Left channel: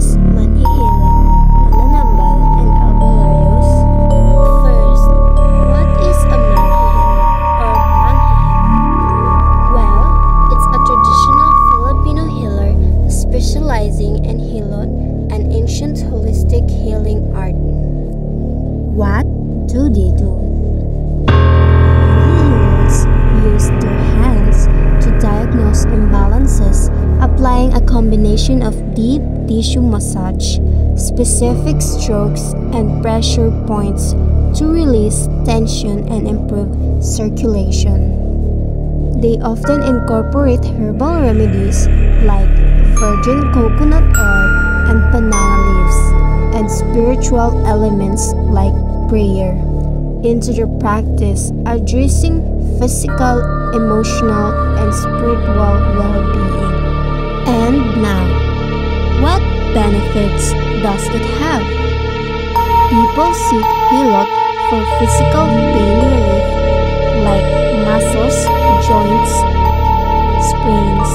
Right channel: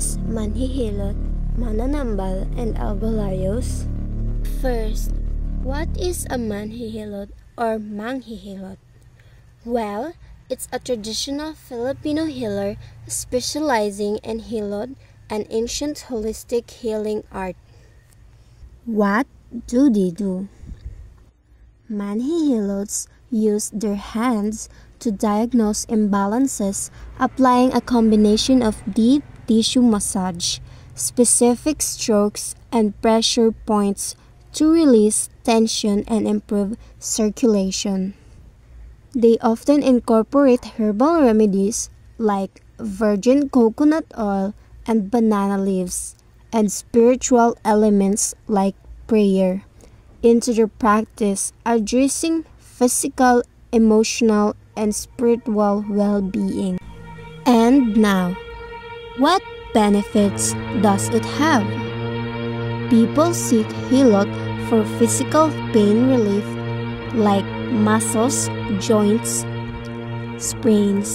is manhihilot, mananambal, and albularyos? First, what is a manhihilot or manghihilot? Well, it's a traditional Filipino healer specializing in hilot, an ancient holistic healing art. What do they do? Manhihilots use their hands to diagnose imbalances, applying a combination of deep tissue massage, specific strokes, and pressure points to release tension and improve circulation. They often incorporate herbal remedies like virgin coconut oil and banana leaves, and spiritual elements like prayer into their practice, addressing physical, emotional, and spiritual well-being. And now, what benefits does it have? People seek hilot for physical pain relief like muscles, joints, sprains,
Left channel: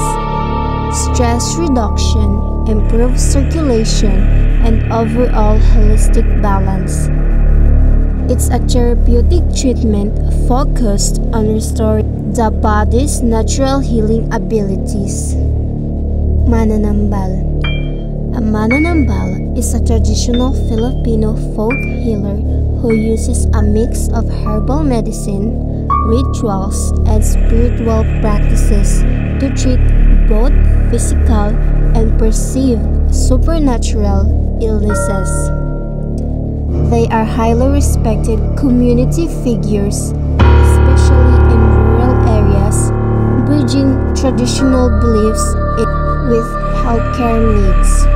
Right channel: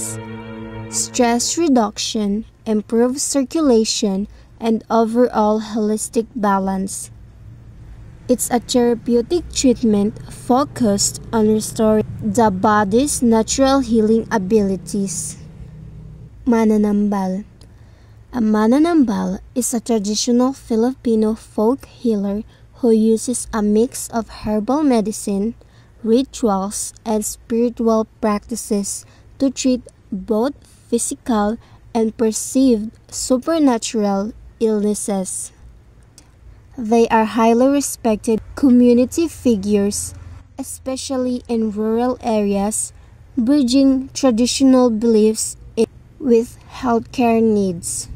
stress reduction, improved circulation, and overall holistic balance. It's a therapeutic treatment focused on restoring the body's natural healing abilities. Mananambal. A mananambal is a traditional Filipino folk healer who uses a mix of herbal medicine, rituals, and spiritual practices to treat both physical and perceived supernatural illnesses. They are highly respected community figures, especially in rural areas, bridging traditional beliefs with healthcare needs.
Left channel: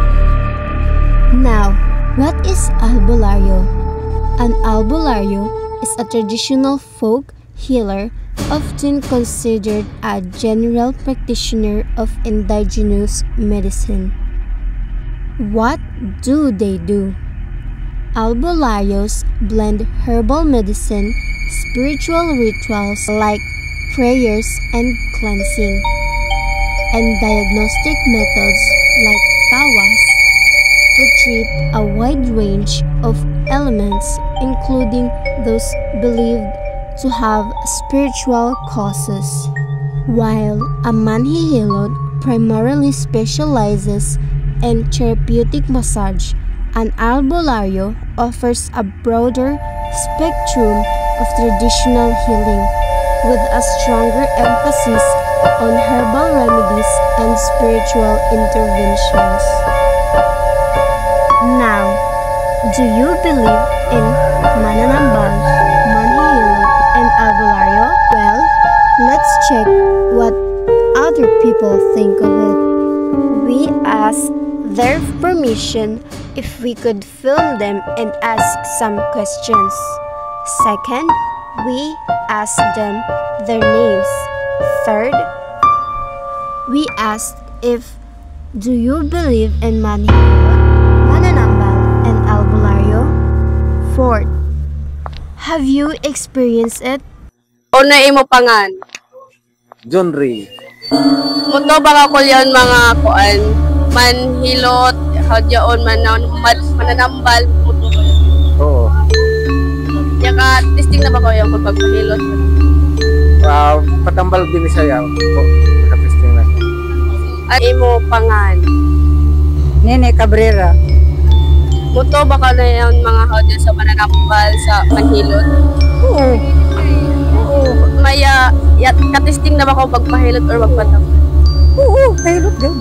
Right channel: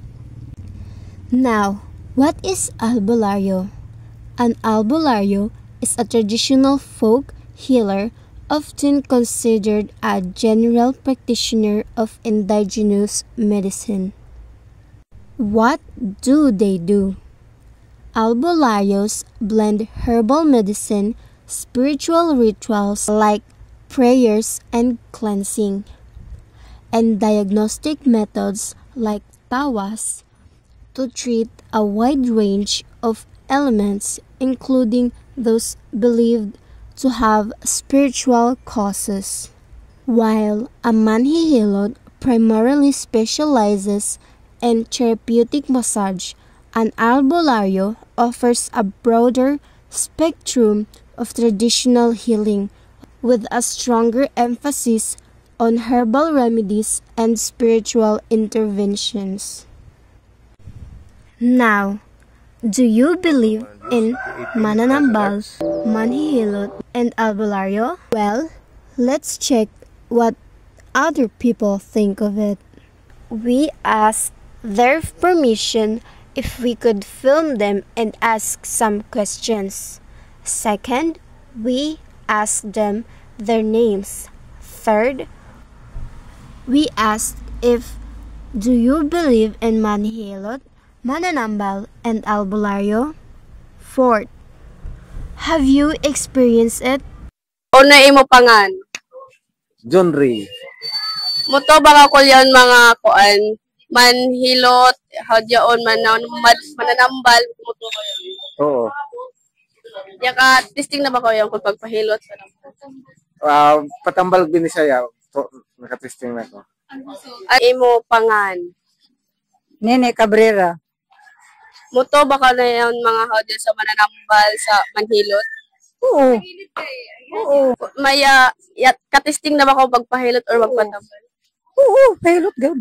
Now, what is albularyo? An albularyo is a traditional folk healer often considered a general practitioner of indigenous medicine. What do they do? Albularyos blend herbal medicine, spiritual rituals like prayers and cleansing, and diagnostic methods like tawas to treat a wide range of ailments, including those believed to have spiritual causes. While a manhihilot primarily specializes in therapeutic massage, an albularyo offers a broader spectrum of traditional healing, with a stronger emphasis on herbal remedies and spiritual interventions. Now, do you believe in mananambal, manhihilot, and albularyo? Well, let's check what other people think of it. We asked their permission if we could film them and ask some questions. Second, we asked them their names. Third, we asked if do you believe in manhihilot, mananambal, and albularyo? Fourth, have you experienced it? O na imo pangan? John Ray. Muto baka kulyan mga kuan manhilot hadyaon mananambal muto ko yun. Oo. Yaka testing na ba ko yung pagpahilot? Patambal din siya po. Naka-testing na ko. Ay imo pangan? Nene Cabrera. Muto baka na yung mga hadya sa mananambal sa manhilot? Oo. Oo. Maya ka-testing na ba ko pagpahilot or magpatambal? Oo, hilot din.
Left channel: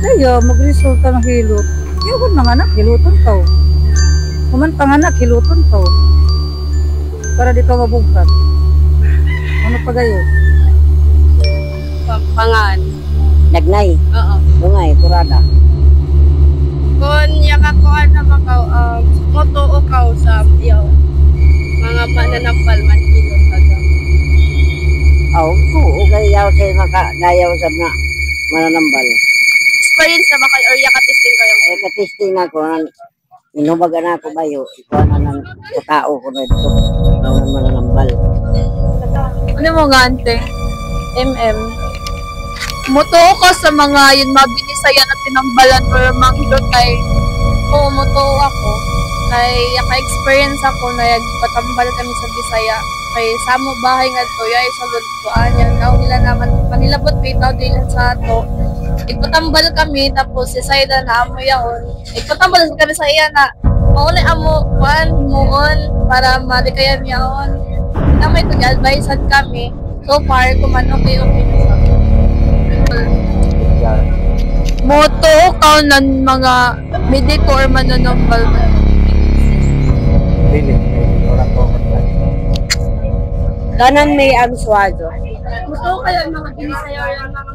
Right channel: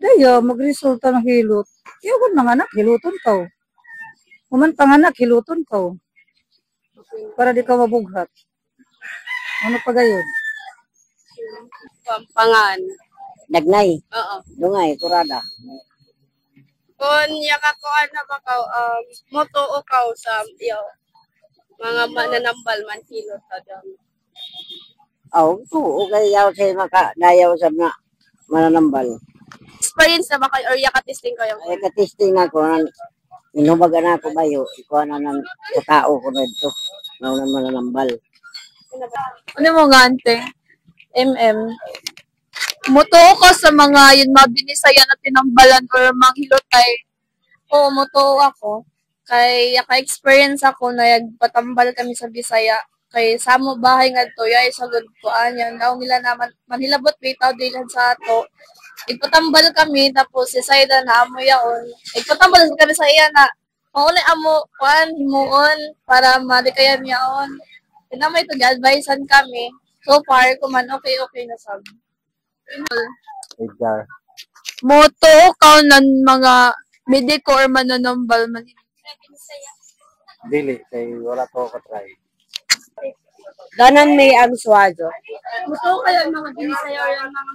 Kaya magresulta ng hilot. Iwan mga anak, hiluton ka. Kuman panganak, hiluton ka. Para di ka mabughat. Ano pa gayo? Pangan. Nagnay. Oo. Bungay, kurada. Kung yakakuan na ba ka, moto o ka sa mga mananambal manhilot hadam. Oo, gayaw siya nayaw sa na mananambal. Experience na ba kayo or yaka-testing kayo? Ka-testing ako, inubaga na ako bayo, ikuha na ng tao ko na ito, naunan mananambal. Ano mo nga ante? MM? Motoo ka sa mga yun mga binisayan at tinambalan or mga hilotay. Oo, motoo ako. Kay yaka-experience ako na patambal kami sa Bisaya. Kay samo bahay nga to, yay sulod ko anya. Gaw nila naman, manilabot bitaw din sa ato. Ipatambal kami, tapos si Saida na amo yaon. Ipatambal kami sa iya na, maulay amo, kuan, himuon, para malikayan yaon. Namay ito, advisean kami. So far, kuman okay na sa ato. Motoo ka ng mga mediko or mananambal man. Dili, may wala ko matay. Ganan may absuado. Motoo ka yung mga binisaya or yung mga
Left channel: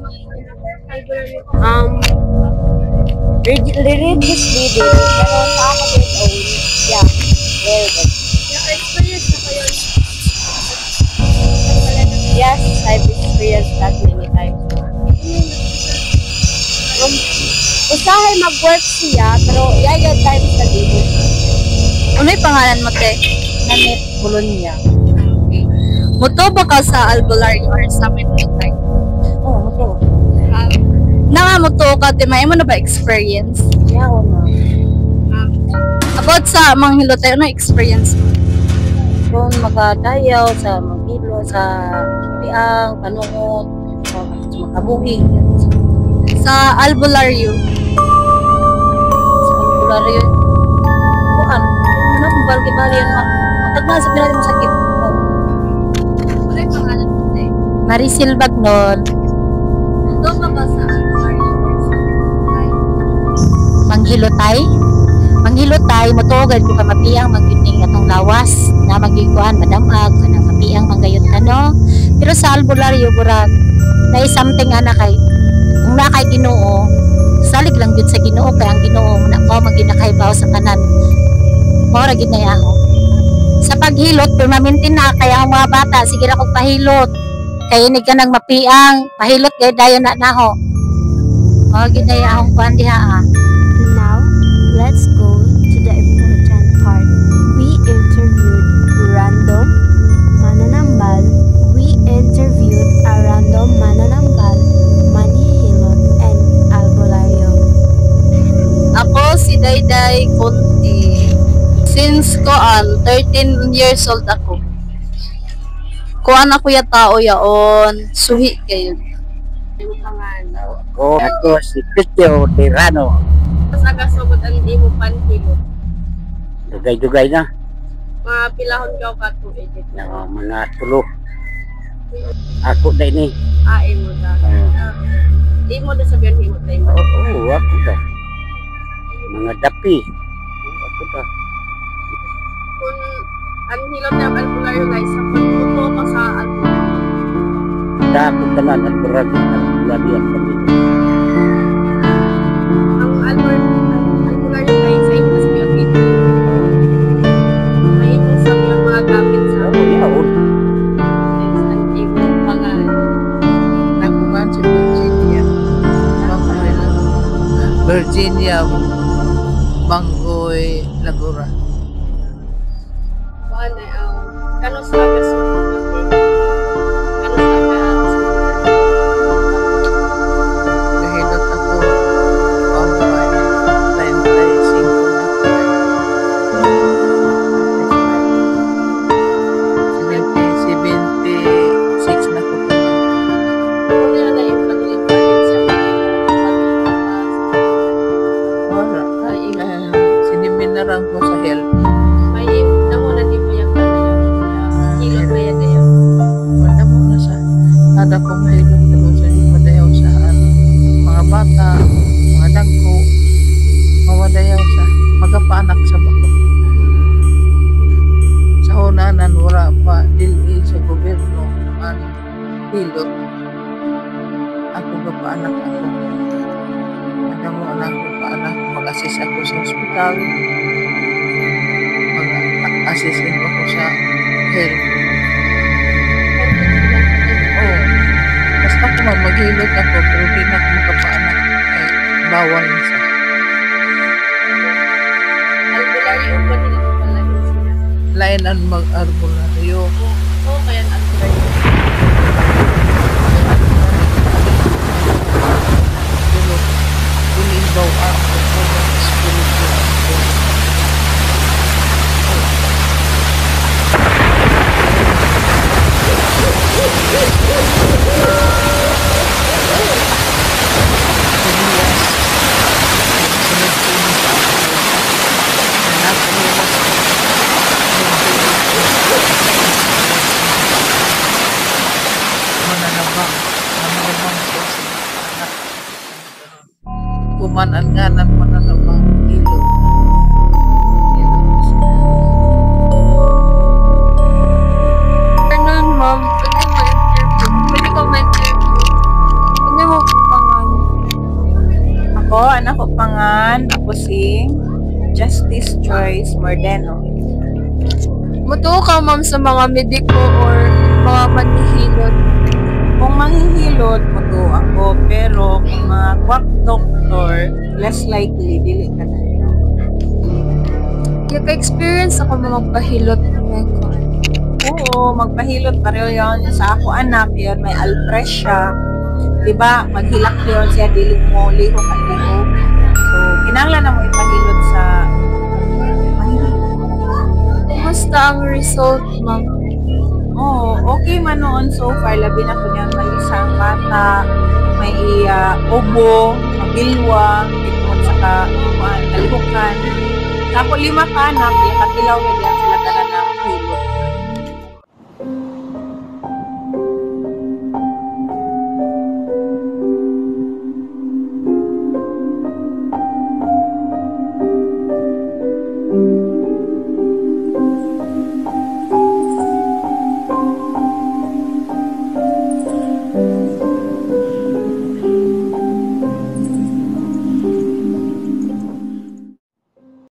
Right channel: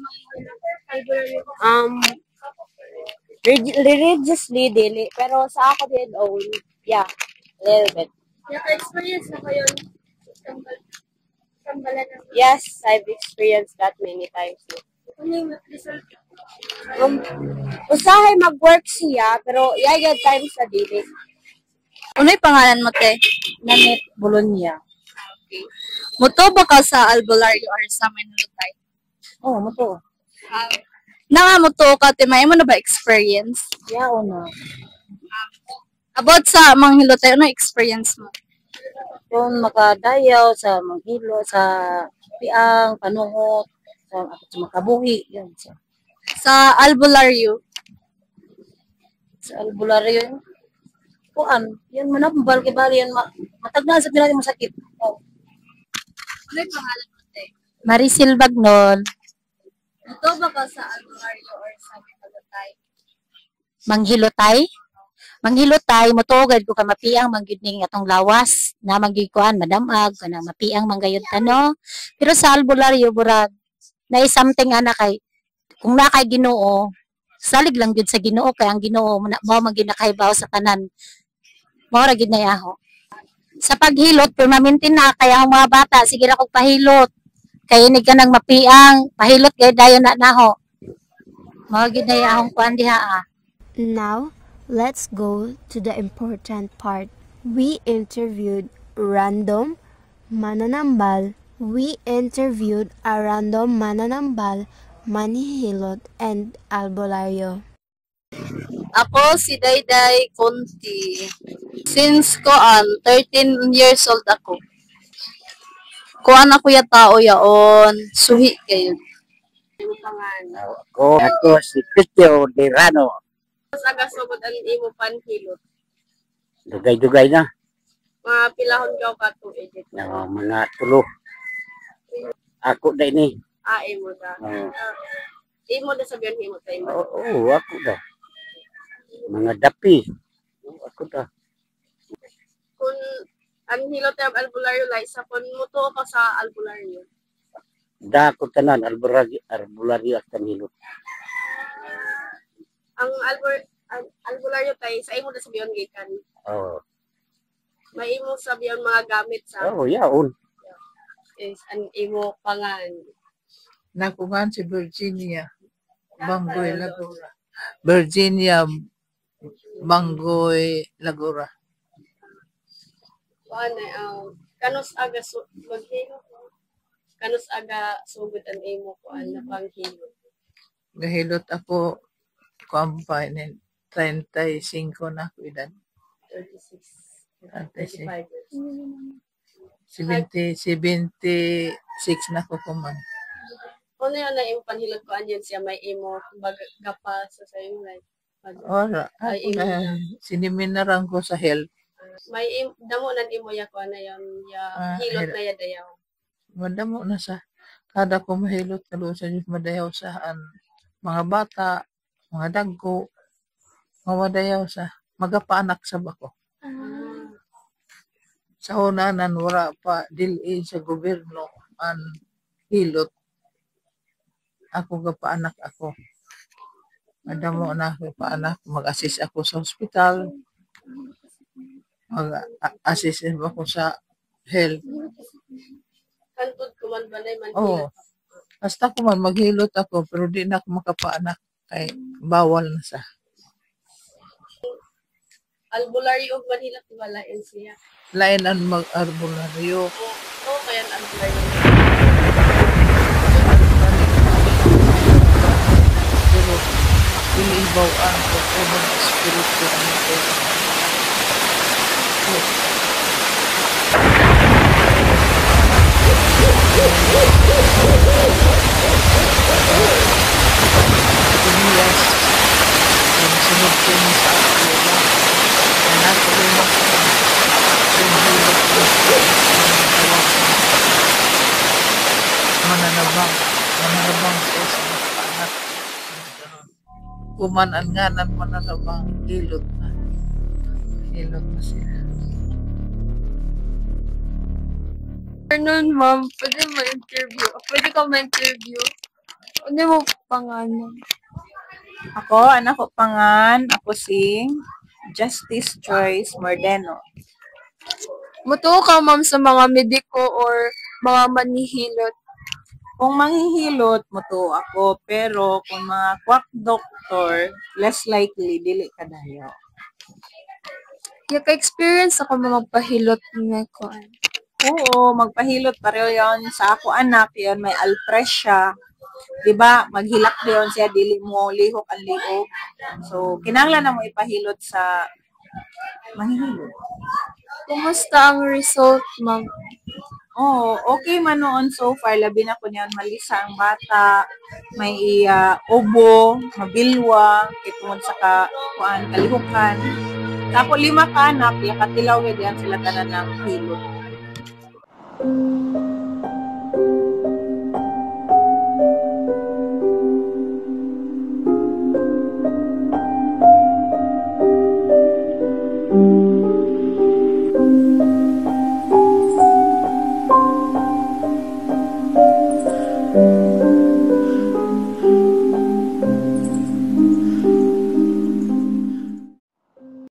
Religiously din, pero sa ako din, yeah, very good. Naka-experience na kayo. Yes, I've experienced that many times. Usahay mag-work siya, pero yaya times na dito. Uno'y pangalan mo, te? Nanit Bologna. Motoo ba ka sa albularyo or sa Minutay? Oo, moto. Nga motoo ka, te, may mo na ba experience? Yao na. About sa mga hilotay, ano experience mo? Kung makadayaw sa Manghilo, sa Piang, Panuot, sa Makabuhi. Sa albularyo? Sa albularyo. Kuan, yan mo na, bali yan. Matagna sa pinali mo sakit. Uno'y pangalan mo, te? Maricel Bagnon. Motoo ba ka sa albularyo or sa Minutay? Manghilotay. Manghilotay, motogad ko ka mapiang maggiting atong lawas na magikuan madamag kana mapiang manggayot kano. Pero sa albularyo burag na something ana kay kung na kay Ginoo, salig lang gyud sa Ginoo kay ang Ginoo mao maginakaybaw sa tanan. Mao ra gid na yaho. Sa paghilot permanente na kaya ang mga bata sige ra kog pahilot. Kay inig ka nang mapiang, pahilot gay dayon na naho. Mao gid na yaho kuan diha. Now, let's go to the important part. We interviewed random mananambal. We interviewed a random mananambal, manhihilot, and albularyo. Ako si Dayday Conti. Since 13 years old ako. Kuan ako ya tao yaon, suhi kayo. Ako si Cristo Tirano. Sa agasugod ang imo panhilot. Dugay-dugay na. Mga pilahon ka o kato, edit na. Mga tulo. Ako na ini. Imo da. Imo da sabihan himot na imo. Oo, ako da. Mga dapi. Ako da. Kung ang hilot na albularyo guys, sa pagmuto ko sa albularyo. Da ako tanan, albularyo ang kanino. Ang albularyo guys, sa imo na sabihan dito. May imo sabihan mga gamit sa Oo, yaon. ang imo pangalan. Nakuhan si Virginia Banggoy Lagura. Virginia Banggoy Lagura. Paano kano sa agasugod? Kano sa agasugod? Nahilot ako pampay 35 na ako. 76 na ako kuman. Kung na yung panilipanin siya, may imo pagkakas. Wala. Siniminaran ko sa health. May namo na di mo yung kanayon. Hilot na yan na yun. Wala mo na sa kada ko mahilot na sa madayaw sa mga bata, mga dagko, mawadayaw sa magapaanak sa bako. Sa unanan wala pa dili sa gobyerno ang hilot. Ako gapaanak ako. Madamo na ako paanak, mag-assist ako sa ospital. Mag-assist din ako sa health. Oo. Basta ko maghilot ako, pero di na ako makapaanak. Eh, bawal na sa. Albularyo ba nila pala siya? Lain ang mag-arbularyo. Oo, kaya ang albularyo. ihibawaan ko kung espiritu ang ito. Tumiyas ang sunod ko ni sa akuluma na nakuluma sa yung hulog ko ang tawag ko mananabang siya sa mga anak kumanan nga ng mananabang ilog siya. Ganun, ma'am. Pwede mo interview. Pwede ka ma-interview. Pwede mo pangalan. Ako, anak ko pangan, ako si Justice Joyce Mordeno. Mutuo ka, ma'am, sa mga mediko or mga manihilot. Kung manghihilot, muto ako, pero kung mga quack doctor, less likely, dili ka na. Kaya ka-experience ako magpahilot na ko. Oo, magpahilot pareho yun sa ako anak, yun may alpresia. Diba, maghilak yun siya, dili mo, lihok ang lihok. So, kinanglan na mo ipahilot sa manghihilot. Kumusta ang result, ma'am? Oo, okay man noon so far. Labi na ko niyan malisa ang bata. May obo, mabilwa, itong sa kalihukan. Tapos 5 ka anak, katilaw yan sila tanan ng hilot.